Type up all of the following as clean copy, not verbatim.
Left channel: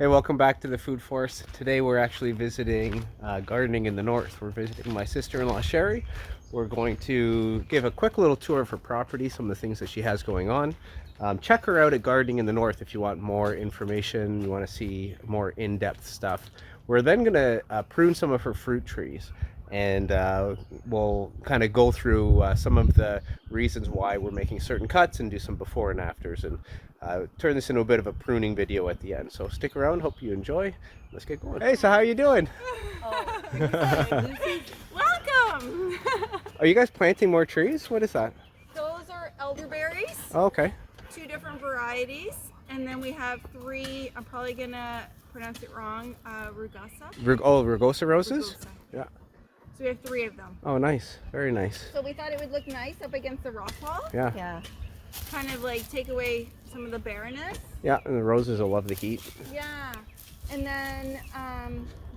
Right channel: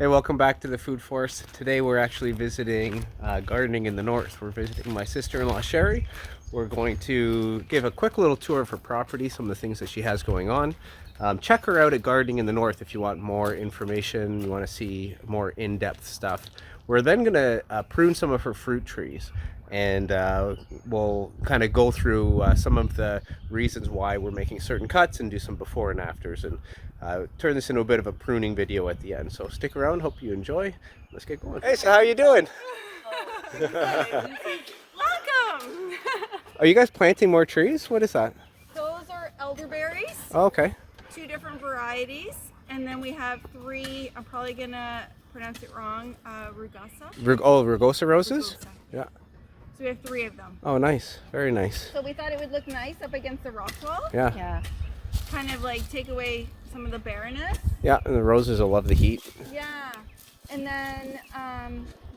Hey, welcome back to the Food Forest. Today we're actually visiting gardening in the north. We're visiting my sister-in-law Sherry. We're going to give a quick little tour of her property, some of the things that she has going on. Check her out at Gardening in the North if you want more information, you want to see more in-depth stuff. We're then going to prune some of her fruit trees, and we'll kind of go through some of the reasons why we're making certain cuts and do some before and afters, and turn this into a bit of a pruning video at the end. So stick around, hope you enjoy. Let's get going. Hey, so how are you doing? Welcome! Are you guys planting more trees? What is that? Those are elderberries, Oh, okay. 2 different varieties, and then we have 3, I'm probably gonna pronounce it wrong, rugosa. Rugosa roses? Rugosa. Yeah. So we have 3 of them. Oh, nice. Very nice. So we thought it would look nice up against the rock wall. Yeah. Kind of like take away some of the barrenness. Yeah, and the roses will love the heat. Yeah. And then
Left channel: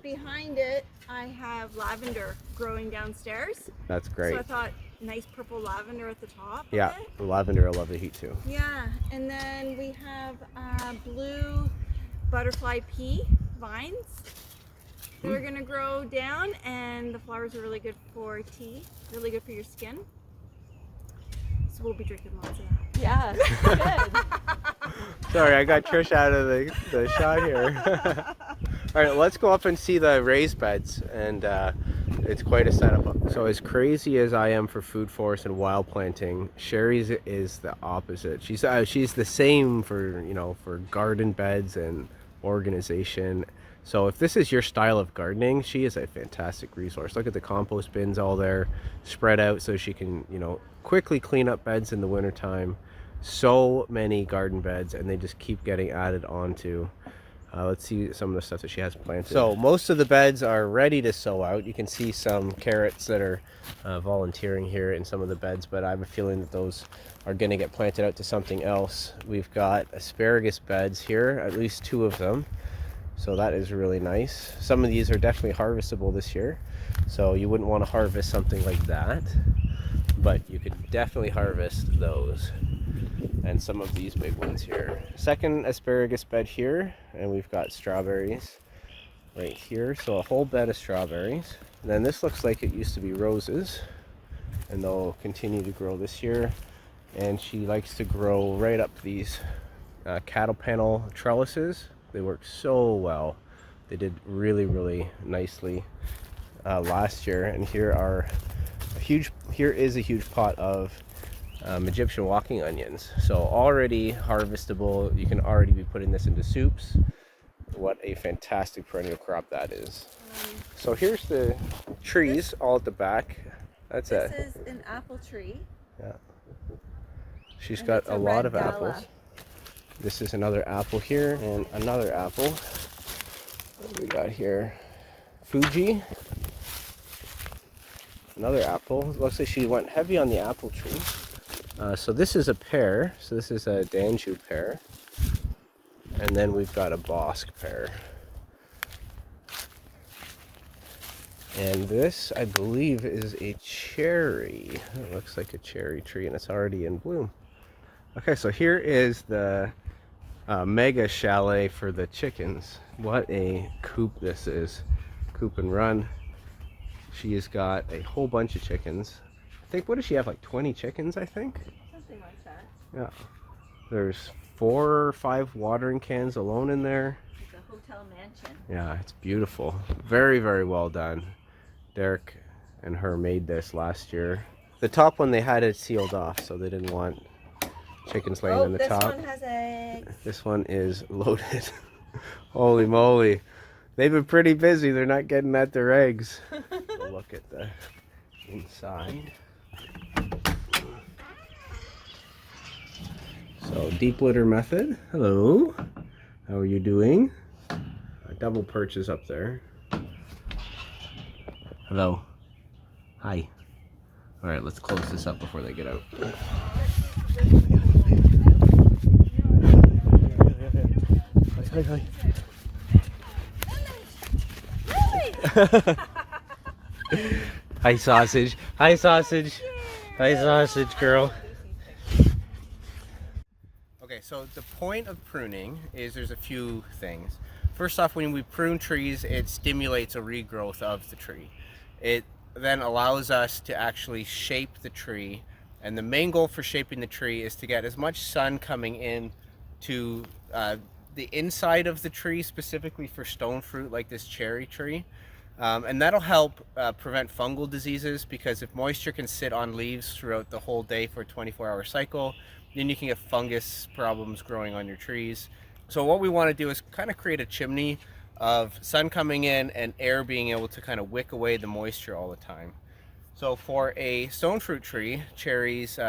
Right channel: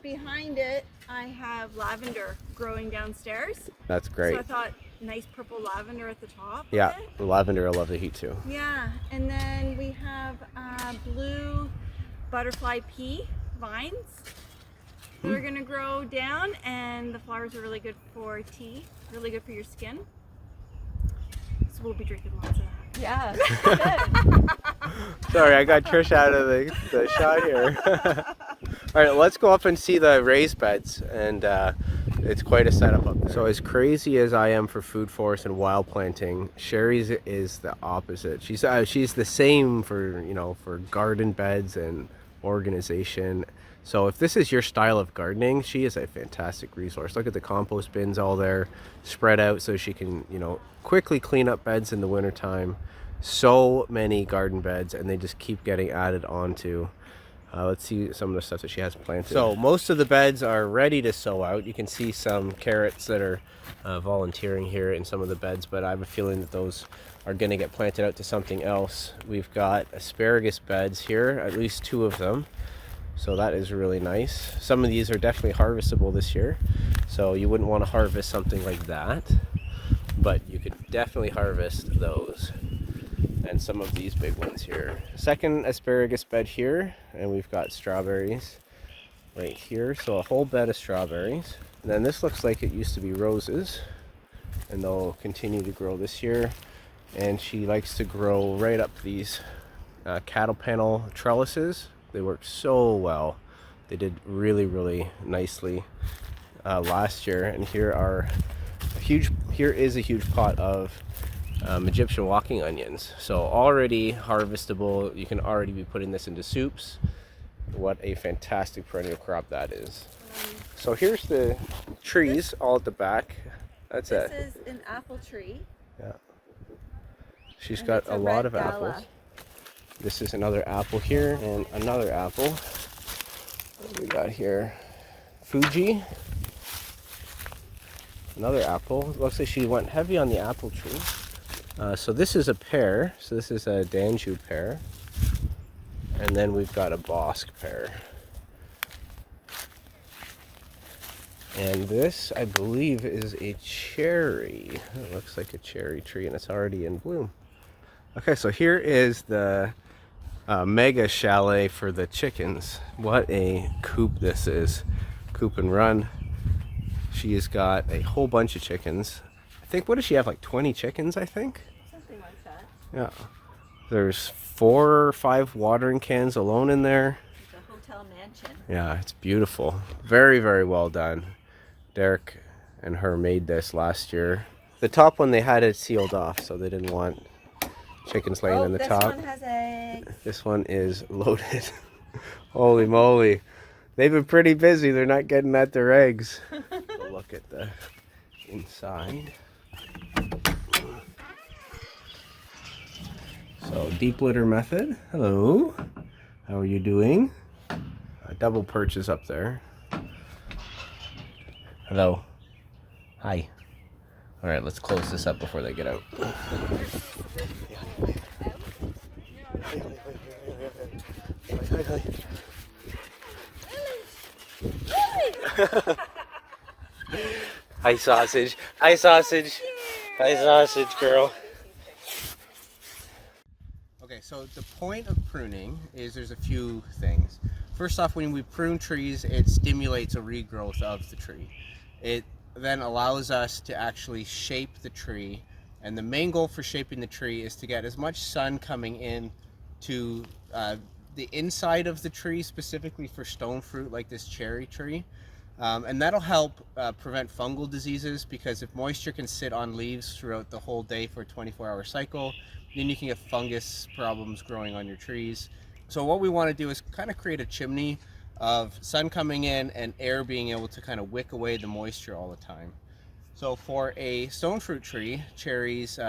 behind it, I have lavender growing downstairs. That's great. So I thought nice purple lavender at the top. Yeah, of it. the lavender will love the heat too. Yeah, and then we have blue butterfly pea vines that are going to grow down, and the flowers are really good for tea, really good for your skin. So we'll be drinking lots of that. Yeah, good. Sorry, I got Trish out of the shot here. All right, let's go up and see the raised beds, and it's quite a setup up there. So as crazy as I am for food forest and wild planting, Sherry's is the opposite. She's the same for garden beds and organization. So if this is your style of gardening, she is a fantastic resource. Look at the compost bins all there spread out so she can quickly clean up beds in the wintertime. So many garden beds, and they just keep getting added onto. Let's see some of the stuff that she has planted. So most of the beds are ready to sow out. You can see some carrots that are volunteering here in some of the beds, but I have a feeling that those are going to get planted out to something else. We've got asparagus beds here, at least 2 of them. So that is really nice. Some of these are definitely harvestable this year, so you wouldn't want to harvest something like that, but you could definitely harvest those. And some of these big ones here. Second asparagus bed here, and we've got strawberries right here. So a whole bed of strawberries. And then this looks like it used to be roses, and they'll continue to grow this year. And she likes to grow right up these cattle panel trellises. They work so well. They did really, really nicely last year. And here is a huge pot of Egyptian walking onions. So already harvestable. You can already be putting this into soups. What a fantastic perennial crop that is. So here's the trees all at the back. This is an apple tree. Yeah. She's got a lot of apples. This is another apple here, and another apple. What do we got here? Fuji. Another apple. Looks like she went heavy on the apple tree. So this is a pear. So this is a Danju pear. And then we've got a Bosc pear. And this, I believe, is a cherry. It looks like a cherry tree, and it's already in bloom. Okay, so here is the mega chalet for the chickens. What a coop this is. Coop and run. She has got a whole bunch of chickens. I think, what does she have, like 20 chickens, I think? Something like that. Yeah. There's 4 or 5 watering cans alone in there. It's a hotel mansion. Yeah, it's beautiful. Very, very well done. Derek and her made this last year. The top one, they had it sealed off, so they didn't want chickens laying on the top. This one has eggs. This one is loaded. Holy moly. They've been pretty busy. They're not getting at their eggs. We'll look at the inside. So, deep litter method. Hello. How are you doing? A double perch is up there. Hello. Hi. All right, let's close this up before they get out. Hi, sausage. Hi, sausage. Hi, sausage girl. Okay, so the point of pruning is there's a few things. first off, when we prune trees, it stimulates a regrowth of the tree. It then allows us to actually shape the tree, and the main goal for shaping the tree is to get as much sun coming in to the inside of the tree, specifically for stone fruit like this cherry tree. And that'll help prevent fungal diseases, because if moisture can sit on leaves throughout the whole day for a 24-hour cycle, then you can get fungus problems growing on your trees. So what we want to do is kind of create a chimney of sun coming in and air being able to kind of wick away the moisture all the time. So for a stone fruit tree, cherries,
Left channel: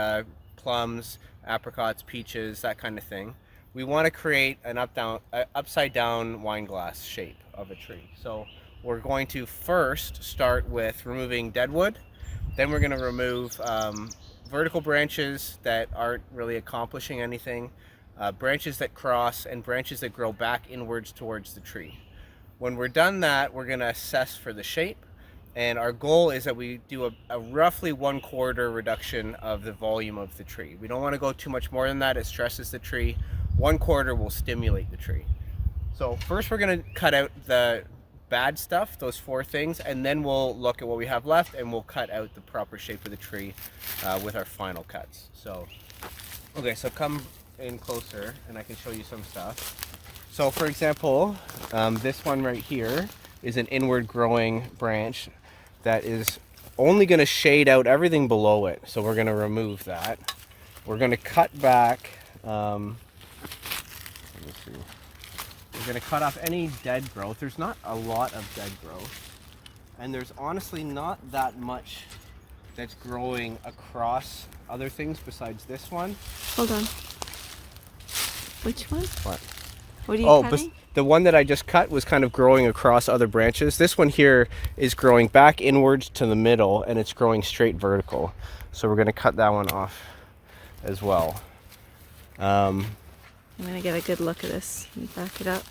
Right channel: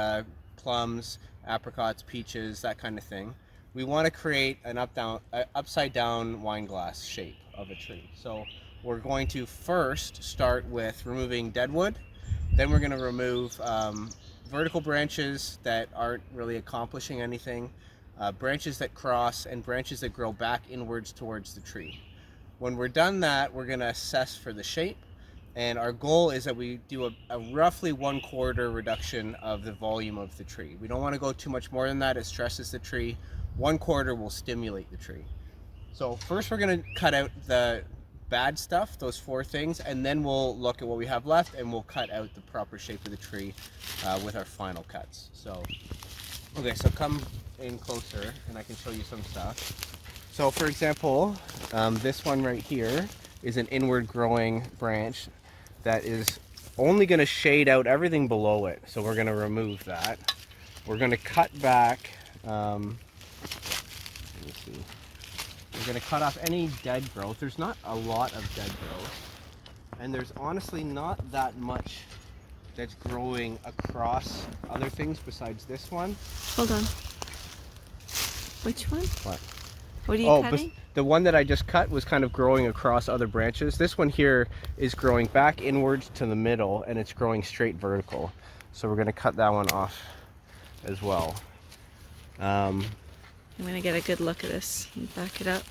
plums, apricots, peaches, that kind of thing, we want to create an upside down wine glass shape of a tree. So we're going to first start with removing dead wood. Then we're going to remove vertical branches that aren't really accomplishing anything, branches that cross, and branches that grow back inwards towards the tree. When we're done that, we're going to assess for the shape, and our goal is that we do a roughly 1/4 reduction of the volume of the tree. We don't want to go too much more than that. It stresses the tree. 1/4 will stimulate the tree. So first we're going to cut out the bad stuff, those 4 things, and then we'll look at what we have left, and we'll cut out the proper shape of the tree with our final cuts. So, okay, so come in closer and I can show you some stuff. So for example, this one right here is an inward growing branch that is only going to shade out everything below it. So we're going to remove that. We're going to cut back, let me see. We're going to cut off any dead growth. There's not a lot of dead growth, and there's honestly not that much that's growing across other things besides this one. Hold on. Which one? What? What are you cutting? The one that I just cut was kind of growing across other branches. This one here is growing back inwards to the middle, and it's growing straight vertical. So we're going to cut that one off as well. I'm going to get a good look at this and back it up.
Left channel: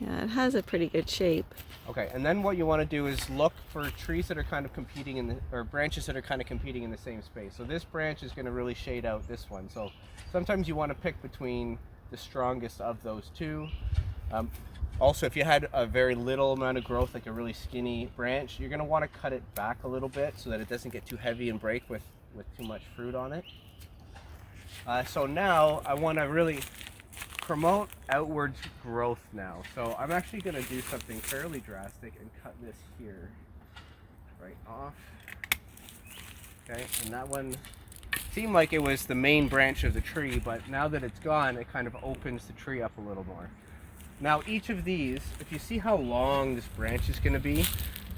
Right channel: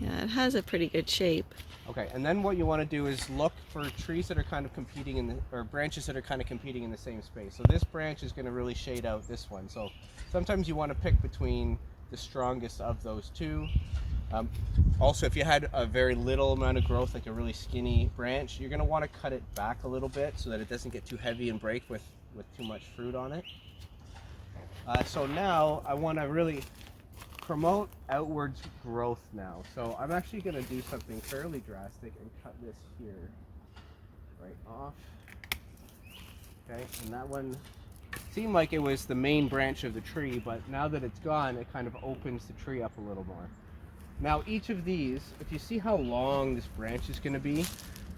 Yeah, it has a pretty good shape. Okay, and then what you want to do is look for trees that are kind of competing in the, or branches that are kind of competing in the same space. So this branch is going to really shade out this one. So sometimes you want to pick between the strongest of those two. Also, if you had a very little amount of growth, like a really skinny branch, you're going to want to cut it back a little bit so that it doesn't get too heavy and break with too much fruit on it. So now I want to really promote outward growth now. So I'm actually going to do something fairly drastic and cut this here right off. Okay, and that one seemed like it was the main branch of the tree, but now that it's gone, it kind of opens the tree up a little more. Now each of these, if you see how long this branch is going to be,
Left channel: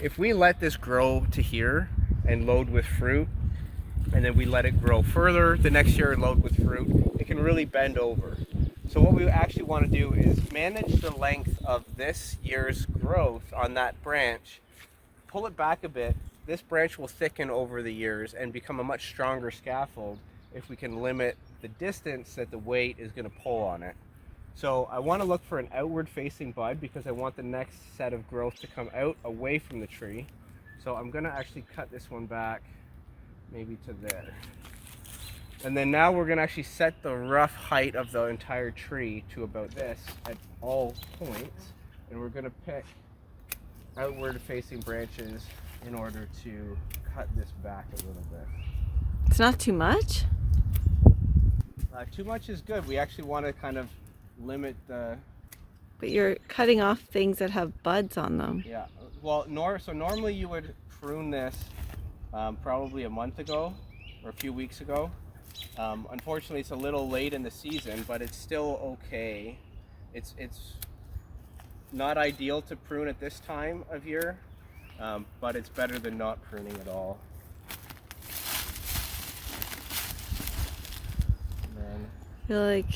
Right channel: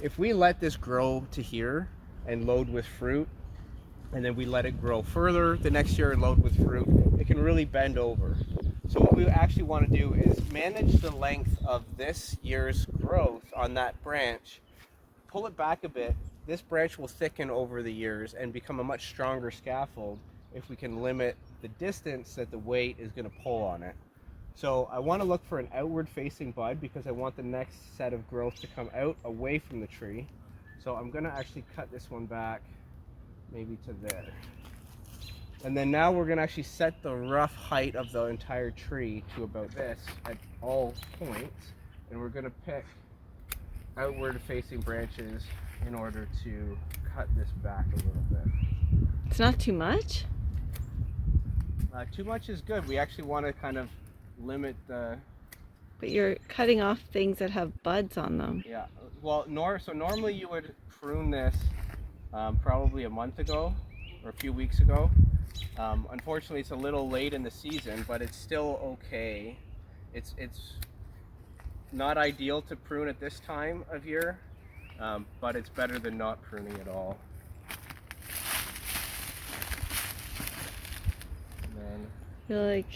if we let this grow to here and load with fruit, and then we let it grow further the next year and load with fruit, it can really bend over. So what we actually want to do is manage the length of this year's growth on that branch, pull it back a bit. This branch will thicken over the years and become a much stronger scaffold if we can limit the distance that the weight is going to pull on it. So I want to look for an outward facing bud because I want the next set of growth to come out away from the tree. So I'm going to actually cut this one back maybe to there. And then now we're going to actually set the rough height of the entire tree to about this at all points. And we're going to pick outward facing branches in order to cut this back a little bit. It's not too much? Too much is good. We actually want to kind of limit the... But you're cutting off things that have buds on them. Yeah. Well, so normally you would prune this probably a month ago or a few weeks ago. Unfortunately, it's a little late in the season, but it's still okay. It's not ideal to prune at this time of year, but it's better than not pruning at all. And then, I feel like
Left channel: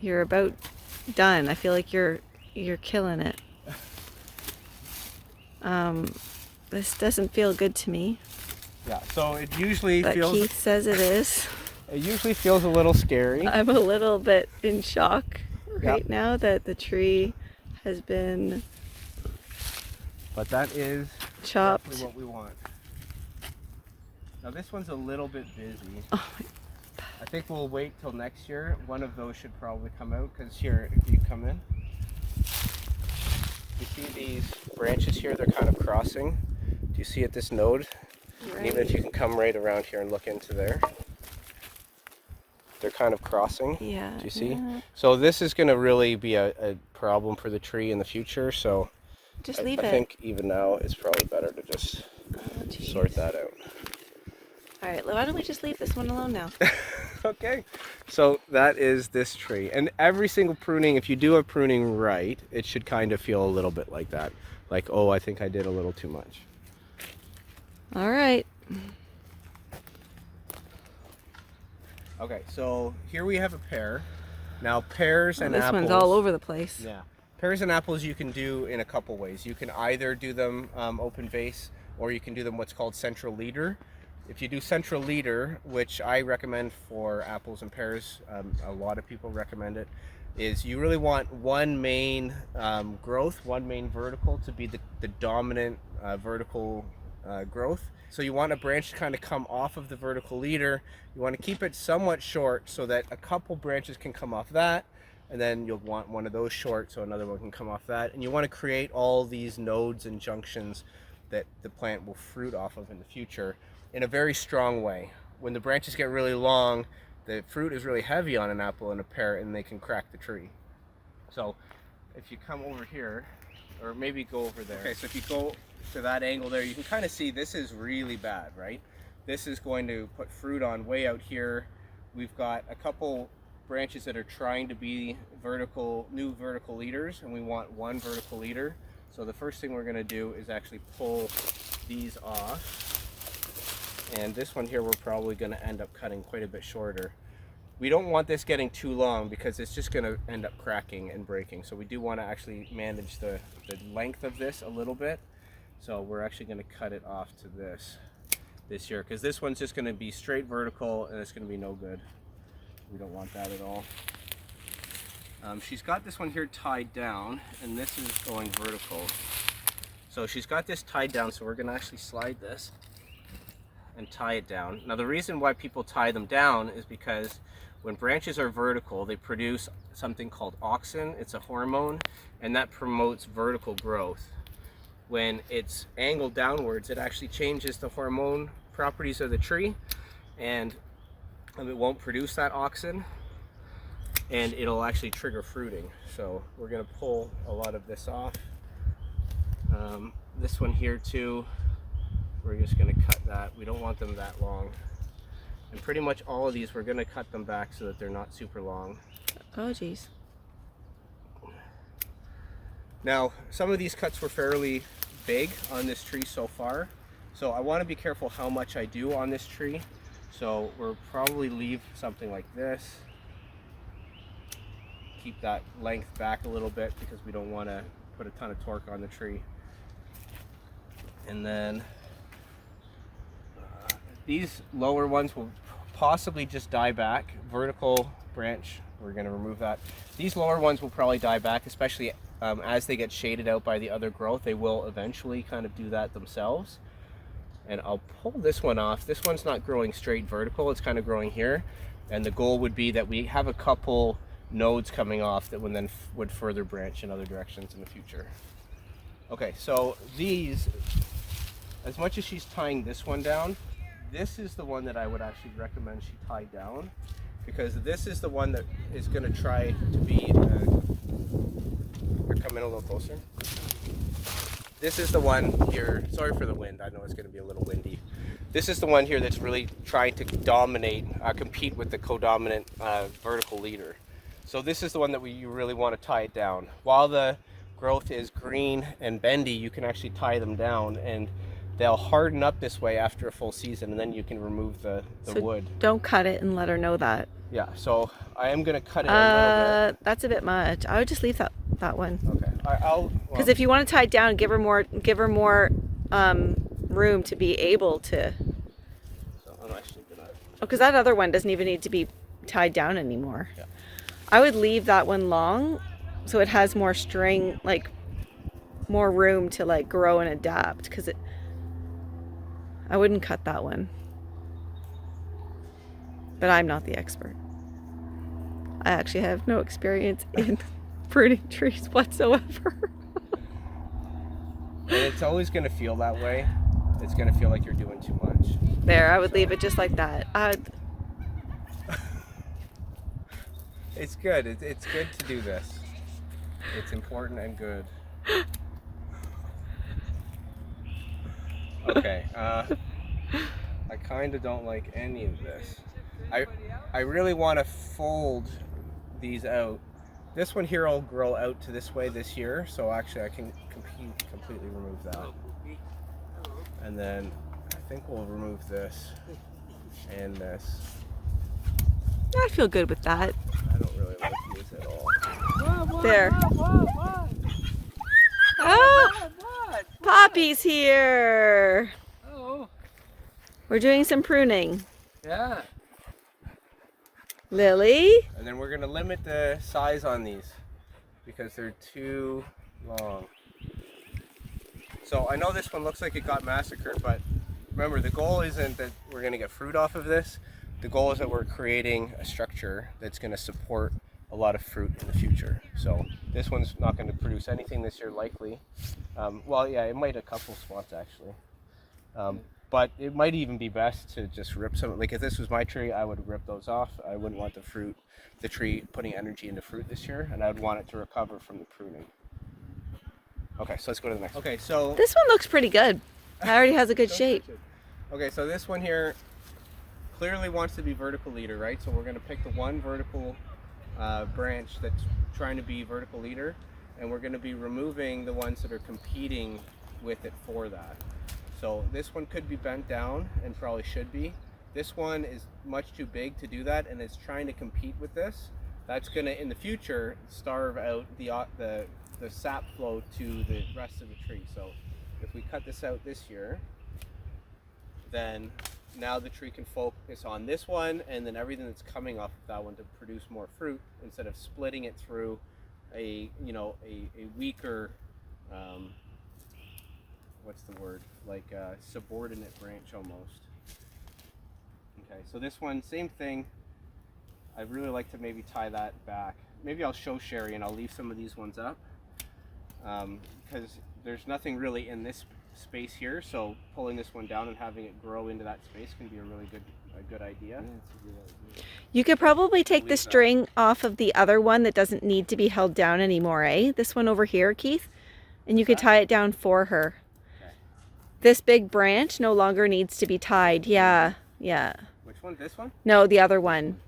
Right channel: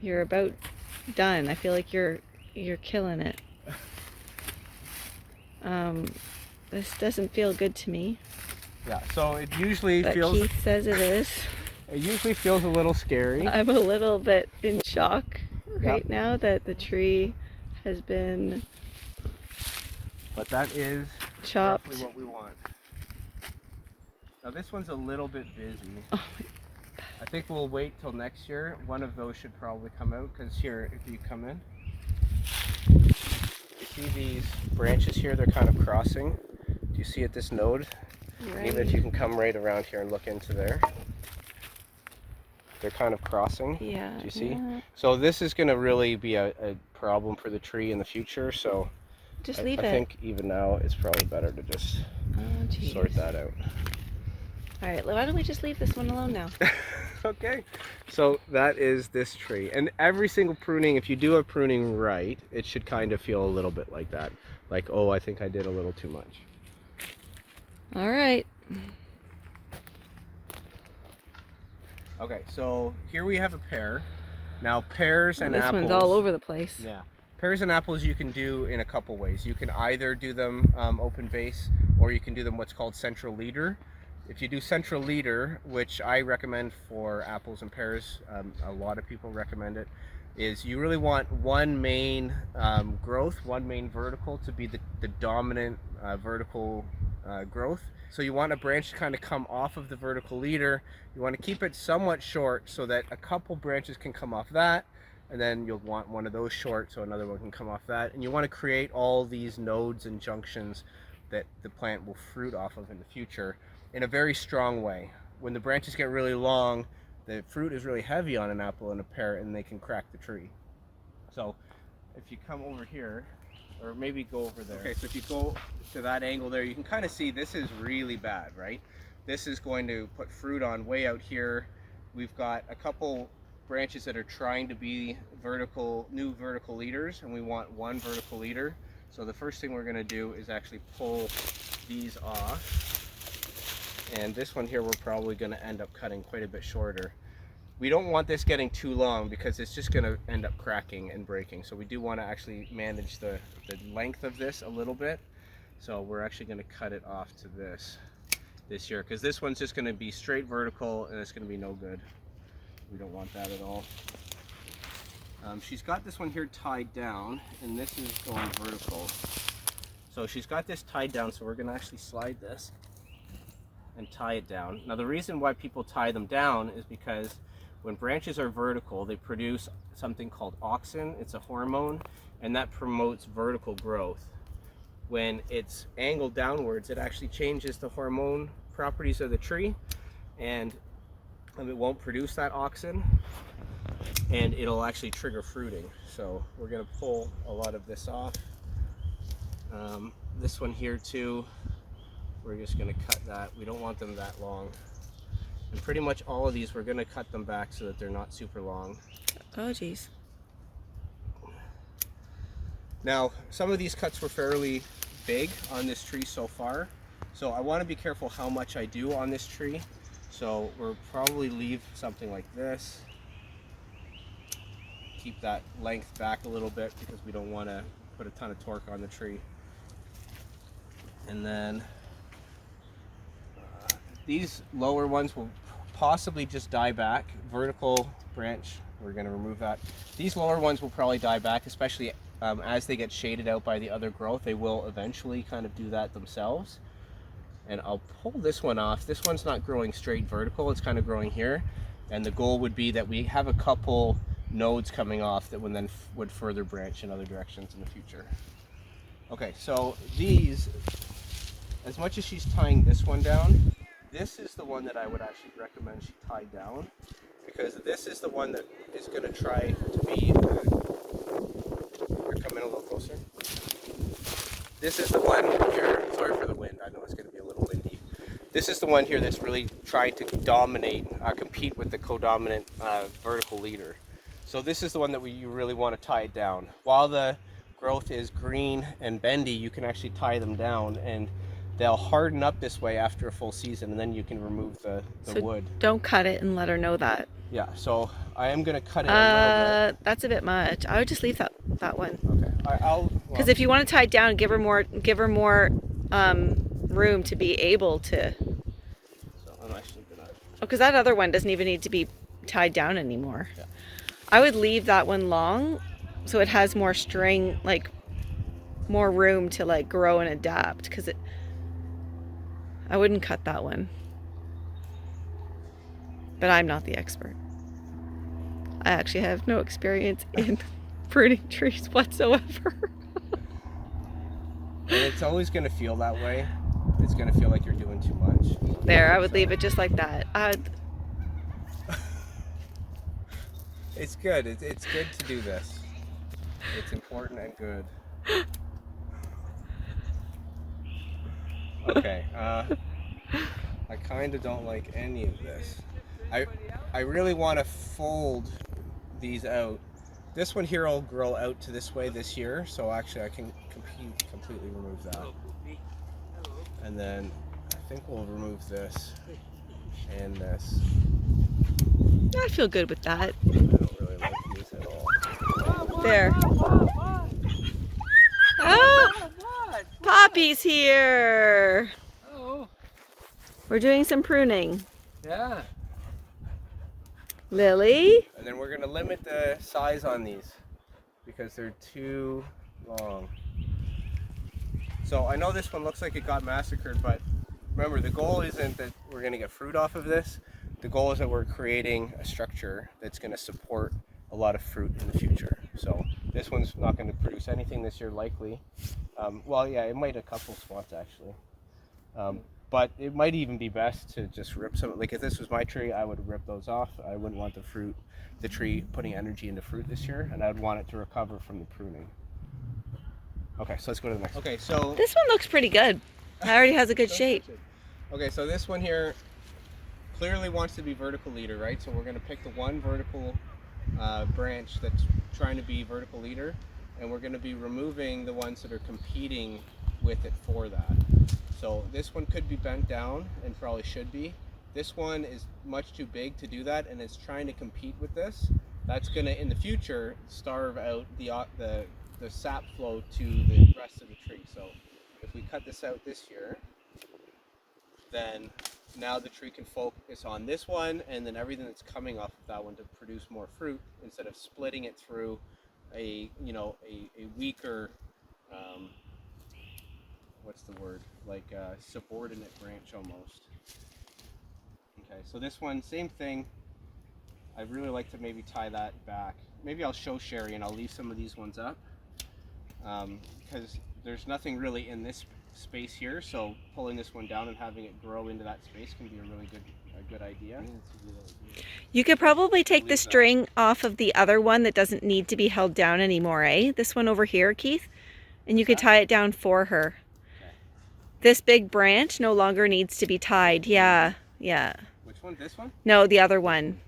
you're about done. I feel like you're killing it. This doesn't feel good to me. yeah, so it usually But feels... Keith says it is. It usually feels a little scary. I'm a little bit in shock right now that the tree has been But that is chopped. exactly what we want. Now this one's a little bit busy. Oh my I think we'll wait till next year. One of those should probably come out, because here, if you come in, you see these branches here, they're kind of crossing. Do you see at this node? Right. Even if you can come right around here and look into there. They're kind of crossing. Yeah. Do you see? Yeah. So this is going to really be a problem for the tree in the future. So Just leave I it. think even now it's probably better to just sort that out. All right, why don't we just leave this one alone now? Okay. So that is this tree. And every single pruning, if you do a pruning right, it should kind of feel a little bit like that. Like, oh, I think I did a little too much. All right. Okay, so here we have a pear. Now pears and This apples. one's all over the place. Yeah. Pears and apples you can do in a couple ways. You can either do them open vase, or you can do them what's called central leader. If you do central leader, which I recommend for apples and pears, a lot of people recommend it, is you really want one main growth, one main vertical to be the dominant vertical growth. So you want a branch to kind of come off of the vertical leader. You want to keep it somewhat short so that a couple branches can come off that, and then you'll want one of those short so another one can come off that. And you want to create all these nodes and junctions that the plant will fruit off of in the future in a very strong way. When the branches get really long, the fruit is really heavy on an apple and a pear, and they can crack the tree. So if you come over here, or maybe go over there. Okay, so if you go to that angle there, you can kind of see this is really bad, right? This is going to put fruit on way out here. We've got a couple branches that are trying to be new vertical leaders, and we want one vertical leader. So the first thing we're going to do is actually pull these off. And this one here, we're probably going to end up cutting quite a bit shorter. We don't want this getting too long because it's just going to end up cracking and breaking. So we do want to actually manage the length of this a little bit. So we're actually going to cut it off to this year, because this one's just going to be straight vertical and it's going to be no good. We don't want that at all. She's got this one here tied down, and this is going vertical. So she's got this tied down, so we're going to actually slide this and tie it down. Now the reason why people tie them down is because when branches are vertical, they produce something called auxin. It's a hormone, and that promotes vertical growth. When it's angled downwards, it actually changes the hormone properties of the tree, and it won't produce that auxin, and it'll actually trigger fruiting. So we're going to pull a lot of this off. This one here too, we're just going to cut that. We don't want them that long. And pretty much all of these, we're going to cut them back so that they're not super long. Oh, geez. Now, some of these cuts were fairly big on this tree so far. So I want to be careful how much I do on this tree. So we'll probably leave something like this. Keep that length back a little bit because we don't want to put a ton of torque on the tree. And then these lower ones will possibly just die back. Vertical branch, we're going to remove that. These lower ones will probably die back, especially as they get shaded out by the other growth. They will eventually kind of do that themselves. And I'll pull this one off. This one's not growing straight vertical, it's kind of growing here. And the goal would be that we have a couple nodes coming off that would further branch in other directions in the future. Okay, so these, as much as she's tying this one down, this is the one that I would actually recommend she tie down, because this is the one that is going to try to feed. We're coming a little closer. This is the one here, sorry for the wind, I know it's going to be a little windy. This is the one here that's really trying to dominate, compete with the co-dominant vertical leader. So this is the one that you really want to tie it down. While the growth is green and bendy, you can actually tie them down, and they'll harden up this way after a full season, and then you can remove the wood. Don't cut it and let her know that. Yeah, so I am going to cut it a little bit. That's a bit much. I would just leave that one. Okay. Because if you want to tie it down, give her more room to be able to. I'm actually gonna. Because that other one doesn't even need to be tied down anymore. Yeah. I would leave that one long, so it has more string, like more room to like grow and adapt. Because I wouldn't cut that one. but I'm not the expert. I actually have no experience in pruning trees whatsoever. And it's always going to feel that way. It's going to feel like you're doing too much. There, I would leave it just like that. It's good. It's good to do this. It's important and good. Okay. I kind of don't like any of this. I really want to fold these out. This one here will grow out to this way this year, so actually I can completely remove that. And then I think we'll remove this and this. I feel good with that. I don't really like these at all. There. Oh! Poppy's here! Oh. We're doing some pruning. Yeah. Lily? And then we're going to limit the size on these because they're too long. So I know this one looks like it got massacred, but remember, the goal isn't that we're going to get fruit off of this. The goal is that we're creating a structure that's going to support a lot of fruit in the future. So this one's not going to produce anything this year, likely. Well, yeah, it might a couple spots actually. But it might even be best to just rip some. Like if this was my tree, I would rip those off. I wouldn't want the tree putting energy into fruit this year, and I would want it to recover from the pruning. Okay, so let's go to the next. Okay, so This one looks pretty good. It already has a good shape. Okay, so this one here clearly wants to be vertical leader, right? So we're going to pick the one vertical branch that's trying to be vertical leader, and we're going to be removing the ones that are competing with it for that. So this one could be bent down and probably should be. This one is much too big to do that and is trying to compete with this. That's going to, in the future, starve out the sap flow to the rest of the tree. So if we cut this out this year, then now the tree can focus on this one and then everything that's coming off of that one to produce more fruit instead of splitting it through a weaker, what's the word, like a subordinate branch almost. Okay, so this one, same thing. I'd really like to maybe tie that back. Maybe I'll show Sherry and I'll leave some of these ones up because there's nothing really in this space here, so pulling this one down and having it grow into that space can be a really good idea. You could probably take the string off of the other one that doesn't need to be held down anymore, eh? This one over here, Keith, and you could tie it down for her. Okay. This big branch no longer needs to be tied. Yeah, yeah. Which one? This one? No, the other one.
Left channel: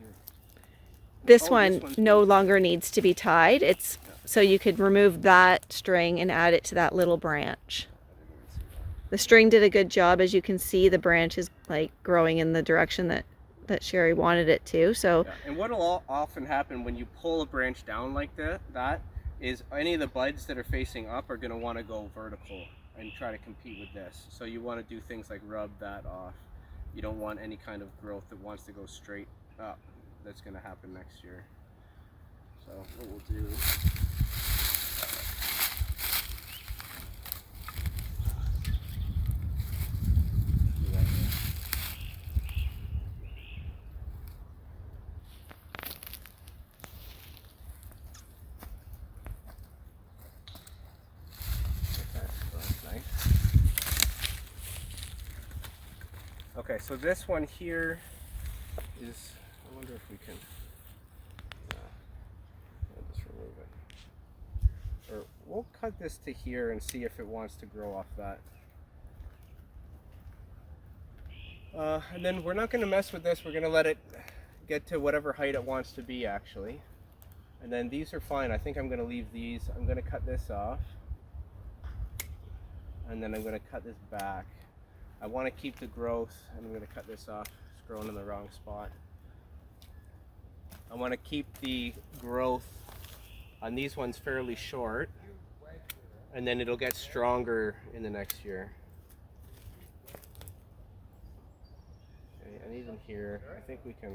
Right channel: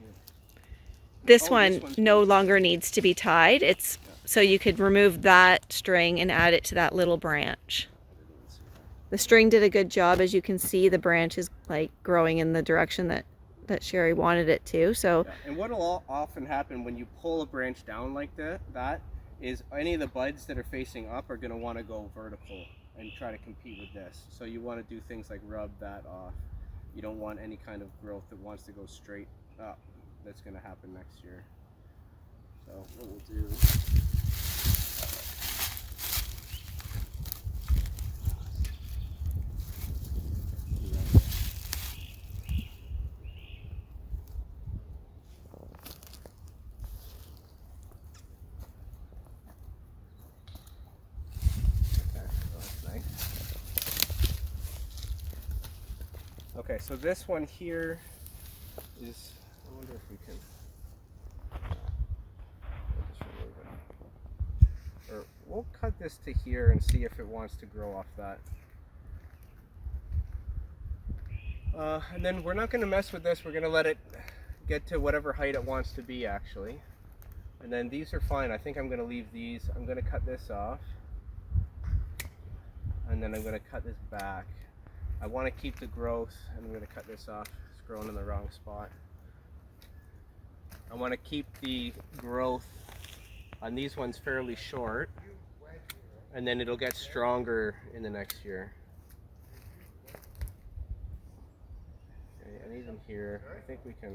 This one no longer needs to be tied. It's so you could remove that string and add it to that little branch. The string did a good job. As you can see, the branch is like growing in the direction that Sherry wanted it to. So yeah. And what will often happen when you pull a branch down like that is any of the buds that are facing up are going to want to go vertical and try to compete with this. So you want to do things like rub that off. You don't want any kind of growth that wants to go straight up. That's going to happen next year. So what we'll do, okay, so this one here is, I wonder if we can, we'll just remove it. Or we'll cut this to here and see if it wants to grow off that. And then we're not going to mess with this, we're going to let it get to whatever height it wants to be actually. And then these are fine, I think I'm going to leave these, I'm going to cut this off. And then I'm going to cut this back. I want to keep the growth, and I'm going to cut this off. It's growing in the wrong spot. I want to keep the growth on these ones fairly short, and then it'll get stronger in the next year. Okay, and even here, I think we can.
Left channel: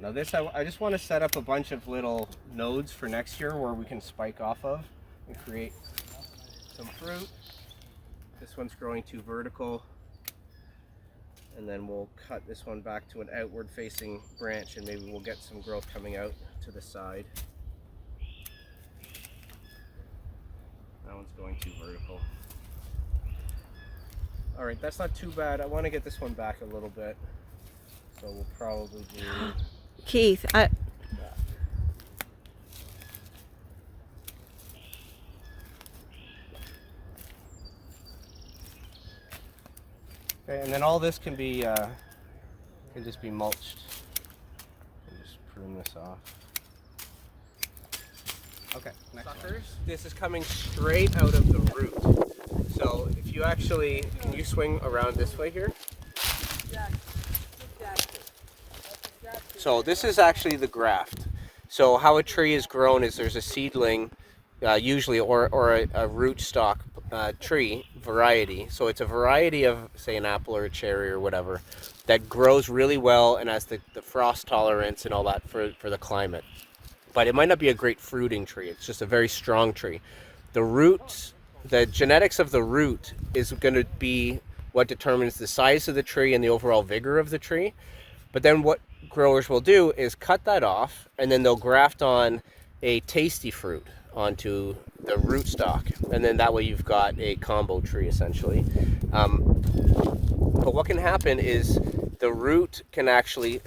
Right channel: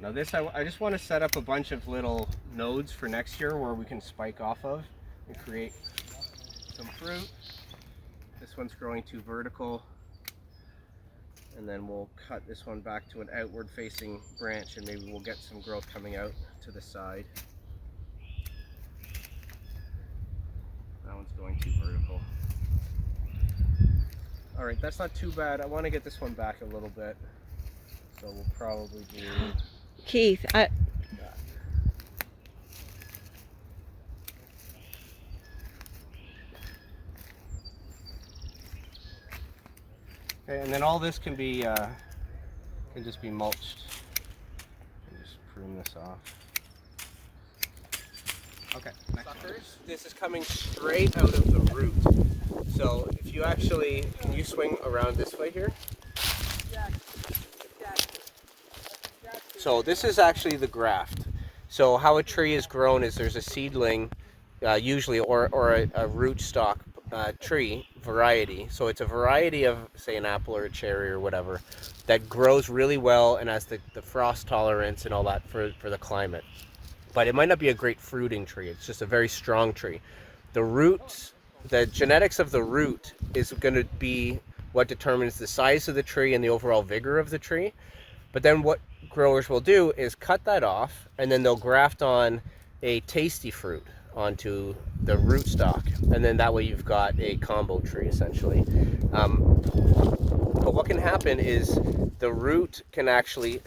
Now this, I just want to set up a bunch of little nodes for next year where we can spike off of and create some fruit. This one's growing too vertical. And then we'll cut this one back to an outward facing branch and maybe we'll get some growth coming out to the side. That one's going too vertical. All right, that's not too bad. I want to get this one back a little bit. So we'll probably do... Keith, that. Okay, and then all this can be can just be mulched. And just prune this off. Okay, suckers. This is coming straight out of the root. So if you actually, can you swing around this way here? So this is actually the graft. So how a tree is grown is there's a seedling, usually, or a rootstock tree variety. So it's a variety of, say, an apple or a cherry or whatever, that grows really well and has the frost tolerance and all that for the climate. But it might not be a great fruiting tree. It's just a very strong tree. The roots, the genetics of the root is going to be what determines the size of the tree and the overall vigor of the tree. But then what growers will do is cut that off and then they'll graft on a tasty fruit onto the rootstock, and then that way you've got a combo tree essentially. But what can happen is the root can actually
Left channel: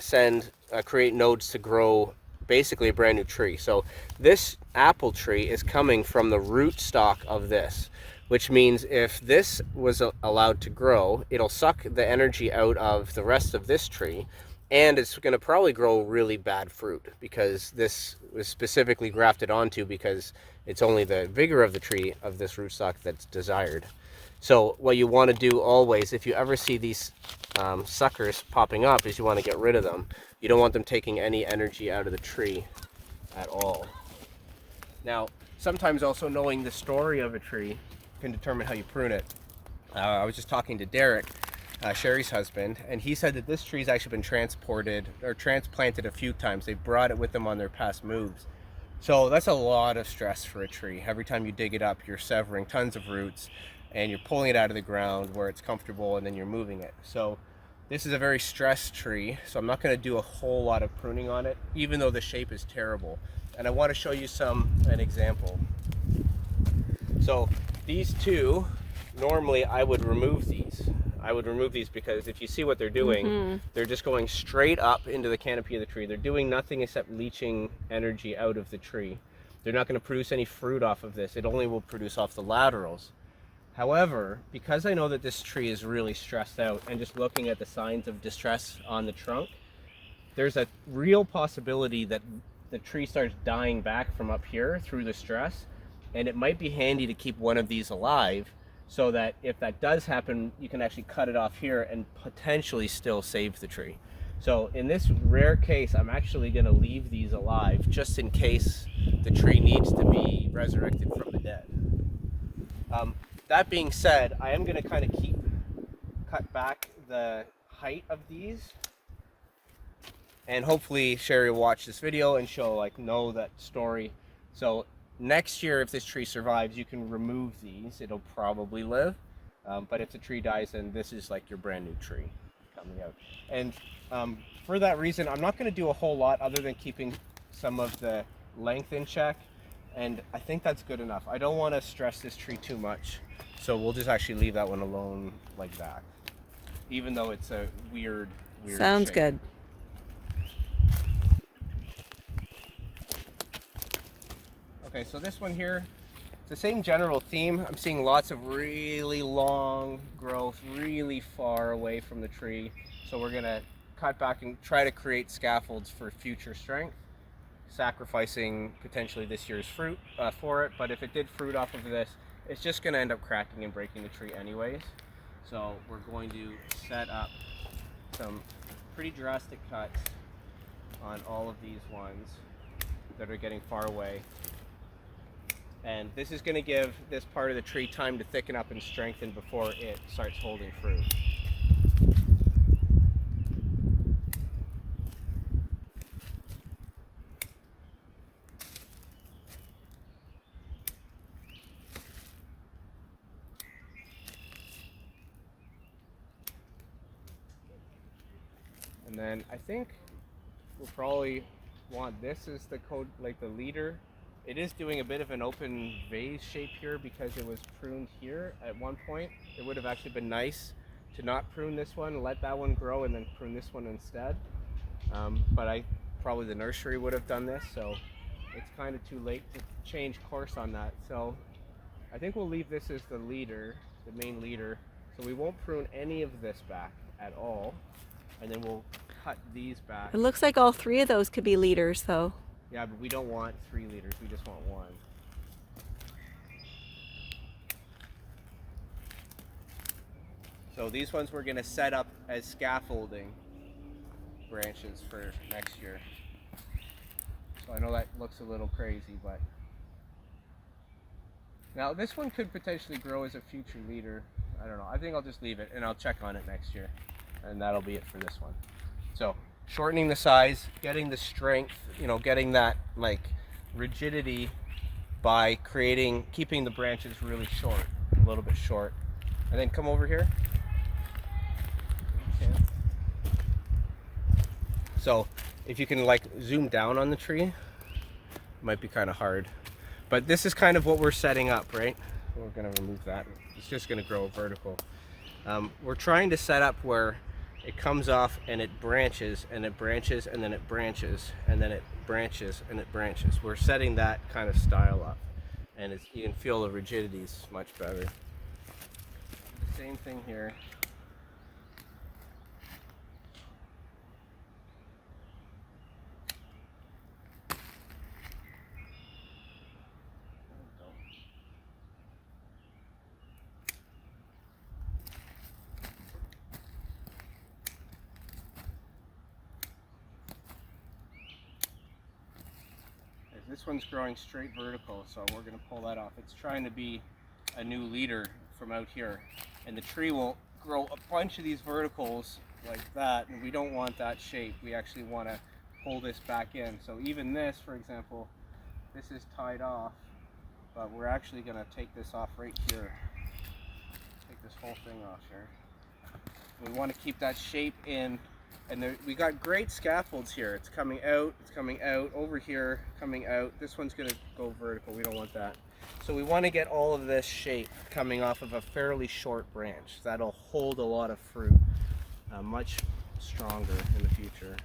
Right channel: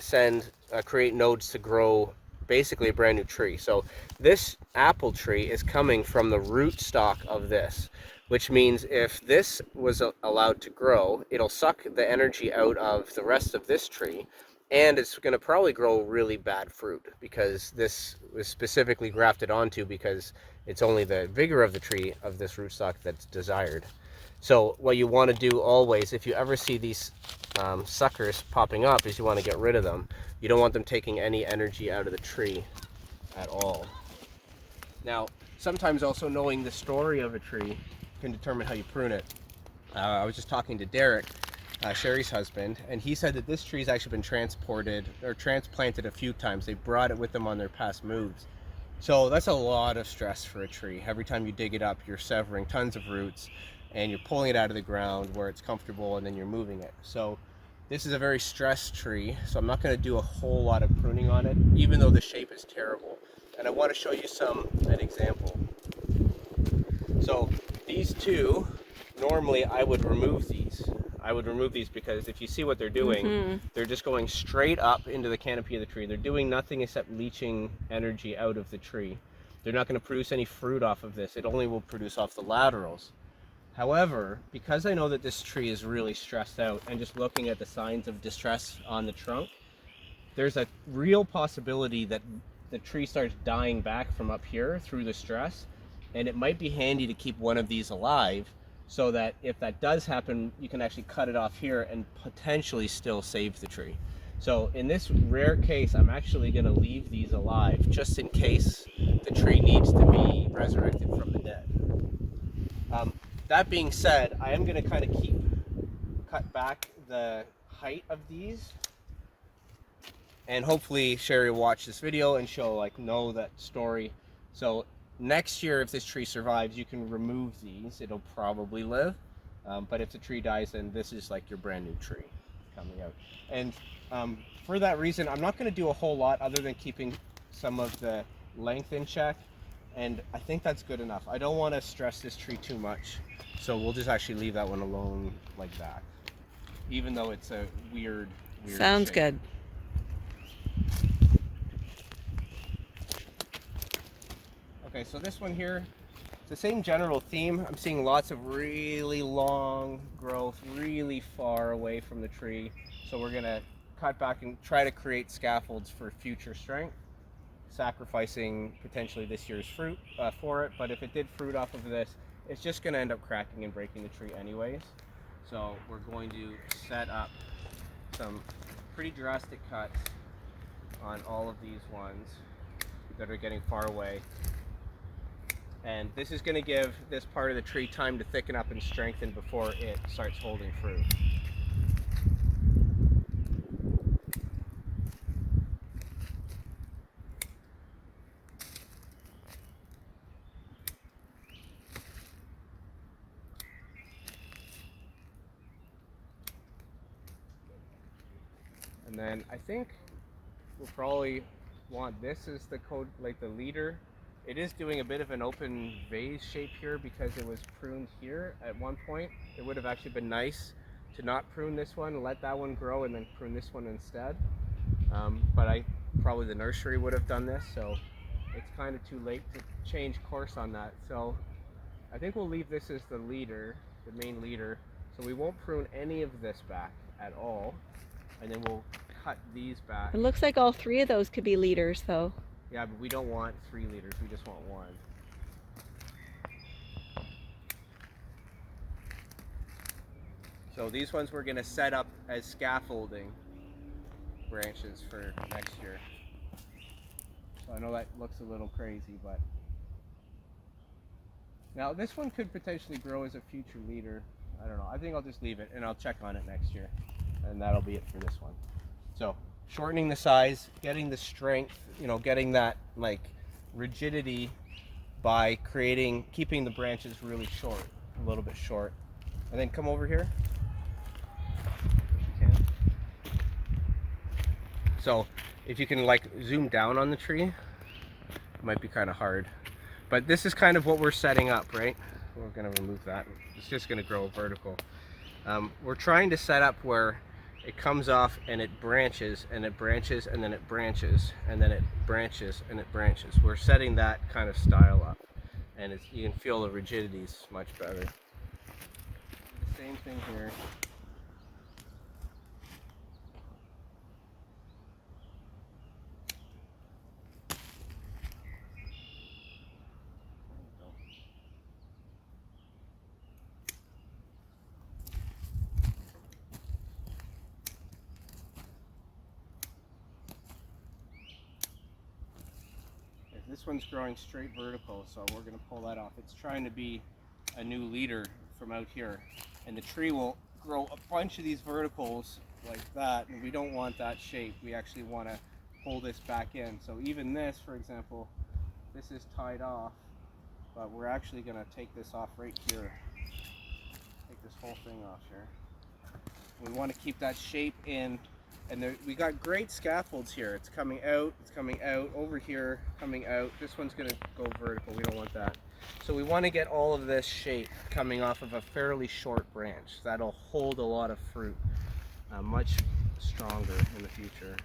create nodes to grow basically a brand new tree. So this apple tree is coming from the rootstock of this, which means if this was allowed to grow, it'll suck the energy out of the rest of this tree, and it's going to probably grow really bad fruit because this was specifically grafted onto because it's only the vigor of the tree of this rootstock that's desired. So what you want to do always, if you ever see these suckers popping up, is you want to get rid of them. You don't want them taking any energy out of the tree at all. Now, sometimes also knowing the story of a tree can determine how you prune it. I was just talking to Derek, Sherry's husband, and he said that this tree's actually been transported or transplanted a few times. They brought it with them on their past moves. So that's a lot of stress for a tree. Every time you dig it up, you're severing tons of roots and you're pulling it out of the ground where it's comfortable, and then you're moving it. So this is a very stressed tree, so I'm not going to do a whole lot of pruning on it, even though the shape is terrible. And I want to show you an example. So these two, normally I would remove these. I would remove these because if you see what they're doing, they're just going straight up into the canopy of the tree. They're doing nothing except leaching energy out of the tree. They're not going to produce any fruit off of this. It only will produce off the laterals. However, because I know that this tree is really stressed out, and just looking at the signs of distress on the trunk, there's a real possibility that the tree starts dying back from up here through the stress, and it might be handy to keep one of these alive so that if that does happen, you can actually cut it off here and potentially still save the tree. So in this rare case, I'm actually going to leave these alive just in case the tree needs to be resurrected from the dead. That being said, I am going to kind of cut back the height of these, and hopefully Sherry will watch this video and she'll know that story. So next year, if this tree survives, you can remove these. It'll probably live. But if the tree dies, then this is like your brand new tree coming out. And for that reason, I'm not going to do a whole lot other than keeping some of the length in check. And I think that's good enough. I don't want to stress this tree too much. So we'll just actually leave that one alone like that. Even though it's a weird sounds shape. good. Okay, so this one here, it's the same general theme. I'm seeing lots of really long growth, really far away from the tree. So we're gonna cut back and try to create scaffolds for future strength, sacrificing potentially this year's fruit for it. But if it did fruit off of this, it's just gonna end up cracking and breaking the tree anyways. So we're going to set up some pretty drastic cuts on all of these ones that are getting far away. And this is going to give this part of the tree time to thicken up and strengthen before it starts holding fruit. And then I think we'll probably want this as the code, like the leader. It is doing a bit of an open vase shape here because it was pruned here at one point. It would have actually been nice to not prune this one, let that one grow, and then prune this one instead. But probably the nursery would have done this, so it's kind of too late to change course on that. So I think we'll leave this as the leader, the main leader. So we won't prune any of this back at all, and then we'll cut these back. It looks like all three of those could be leaders, though. Yeah, but we don't want 3 leaders, we just want 1. So these ones we're going to set up as scaffolding branches for next year. So I know that looks a little crazy, but now this one could potentially grow as a future leader. I don't know. I think I'll just leave it and I'll check on it next year. And that'll be it for this one. So shortening the size, getting the strength, you know, getting that like rigidity by keeping the branches really short, a little bit short. And then come over here. Okay. So if you can like zoom down on the tree, it might be kind of hard. But this is kind of what we're setting up, right? We're going to remove that. It's just going to grow vertical. We're trying to set up where it comes off and it branches and it branches and then it branches and then it branches and it branches. We're setting that kind of style up, and you can feel the rigidity's much better. The same thing here. This one's growing straight vertical, so we're going to pull that off. It's trying to be a new leader from out here, and the tree will grow a bunch of these verticals like that, and we don't want that shape. We actually want to pull this back in. So even this, for example, this is tied off, but we're actually going to take this off right here. Take this whole thing off here. We want to keep that shape in. And we got great scaffolds here. It's coming out, over here, coming out. This one's gonna go vertical, we don't want that. So we wanna get all of this shape coming off of a fairly short branch. That'll hold a lot of fruit, much stronger in the future.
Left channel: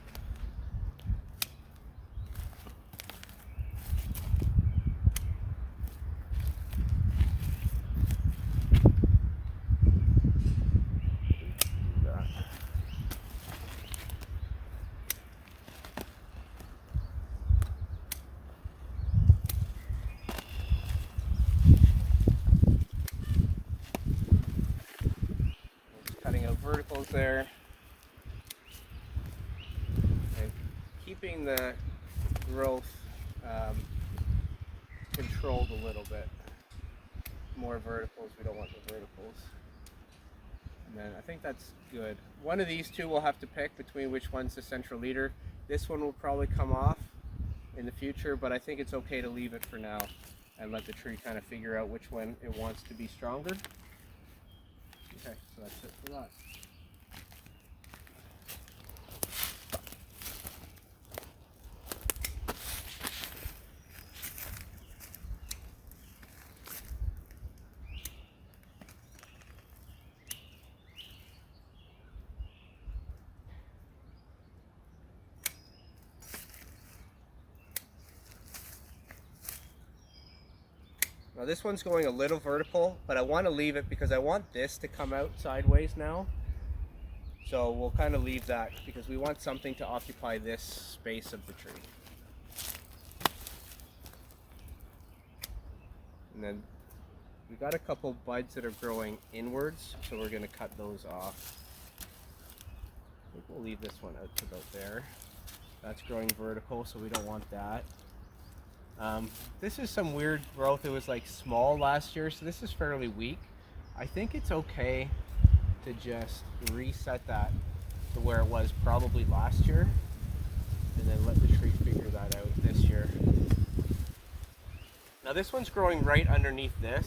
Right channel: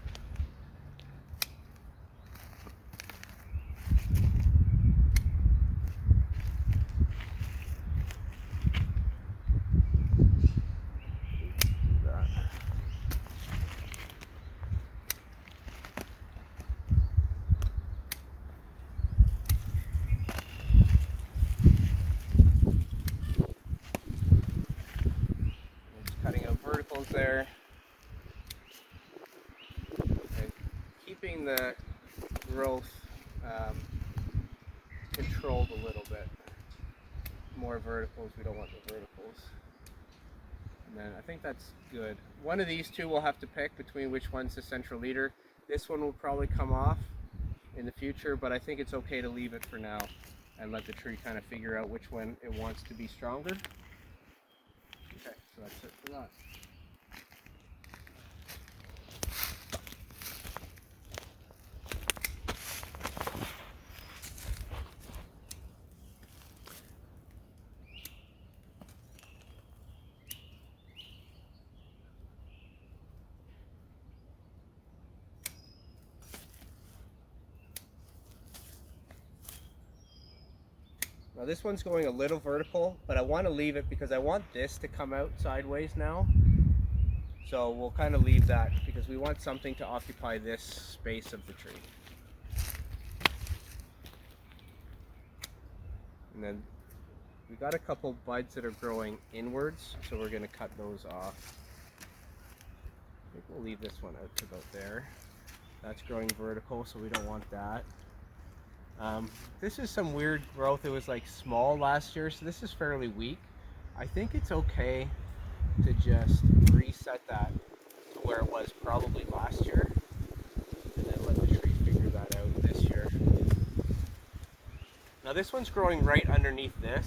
Verticals there, and keeping the growth controlled a little bit. More verticals, we don't want the verticals. And then I think that's good. One of these two we'll have to pick between which one's the central leader. This one will probably come off in the future, but I think it's okay to leave it for now and let the tree kind of figure out which one it wants to be stronger. Okay, so that's it for that. Now this one's going a little vertical, but I want to leave it because I want this to come out sideways now. So we'll kind of leave that because we want something to occupy this space of the tree. And then we've got a couple buds that are growing inwards, so we're going to cut those off. I think we'll leave this one out to about there. That's growing vertical, so we don't want that. This is some weird growth. It was like small last year, so this is fairly weak. I think it's okay to just reset that to where it was probably last year, and then let the tree figure that out this year. Now this one's growing right underneath this.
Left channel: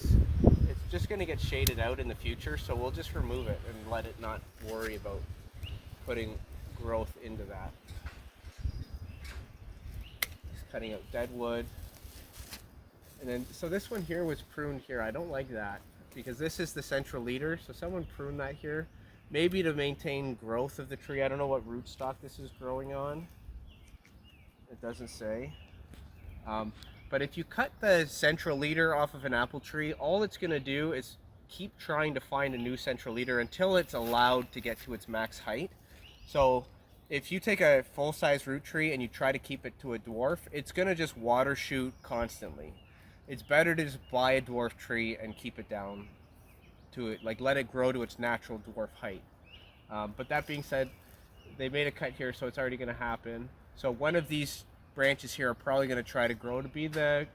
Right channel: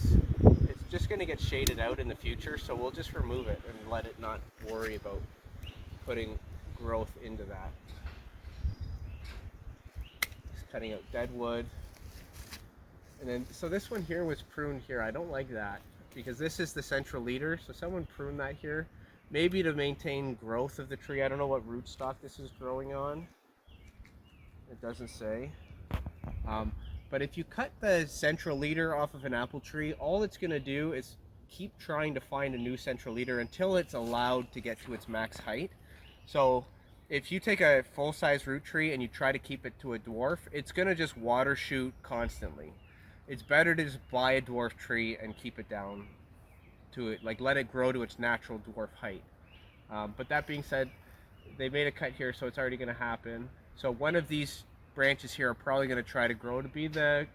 It's just going to get shaded out in the future, so we'll just remove it and let it not worry about growth into that. Just cutting out dead wood. And then, so this one here was pruned here. I don't like that because this is the central leader. So someone pruned that here, maybe to maintain growth of the tree. I don't know what rootstock this is growing on. It doesn't say. But if you cut the central leader off of an apple tree, all it's going to do is keep trying to find a new central leader until it's allowed to get to its max height. So if you take a full-size root tree and you try to keep it to a dwarf, it's going to just water shoot constantly. It's better to just buy a dwarf tree and keep it down to it, like let it grow to its natural dwarf height. But that being said, they made a cut here, so it's already going to happen. So one of these branches here are probably going to try to grow to be the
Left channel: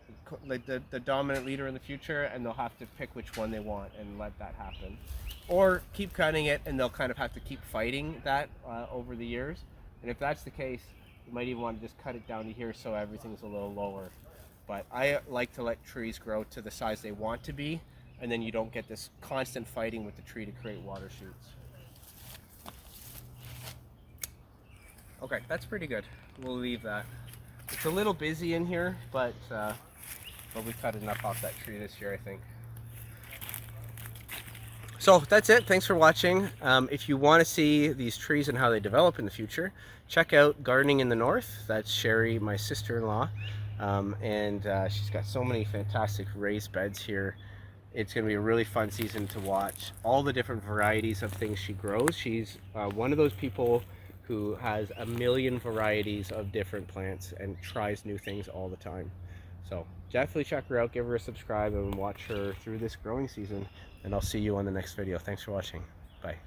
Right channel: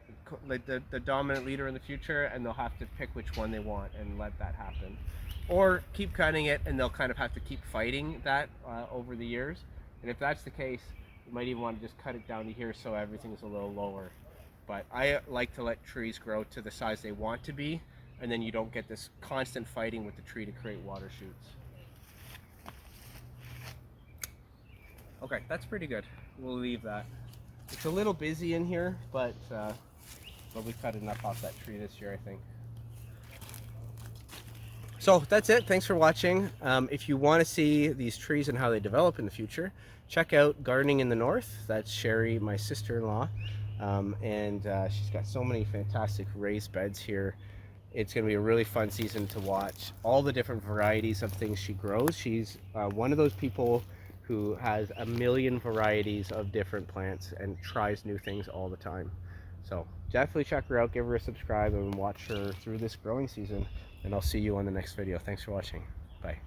dominant leader in the future, and they'll have to pick which one they want and let that happen. Or keep cutting it and they'll kind of have to keep fighting that over the years. And if that's the case, you might even want to just cut it down to here so everything's a little lower. But I like to let trees grow to the size they want to be, and then you don't get this constant fighting with the tree to create water shoots. Okay, that's pretty good. We'll leave that. It's a little busy in here, but we cut enough off that tree this year, I think. So that's it. Thanks for watching. If you want to see these trees and how they develop in the future, check out Gardening in the North. That's Sherry, my sister-in-law, and she's got so many fantastic raised beds here. It's going to be a really fun season to watch all the different varieties of things she grows. She's one of those people who has a million varieties of different plants and tries new things all the time. So definitely check her out, give her a subscribe, and watch her through this growing season. And I'll see you on the next video. Thanks for watching. Bye.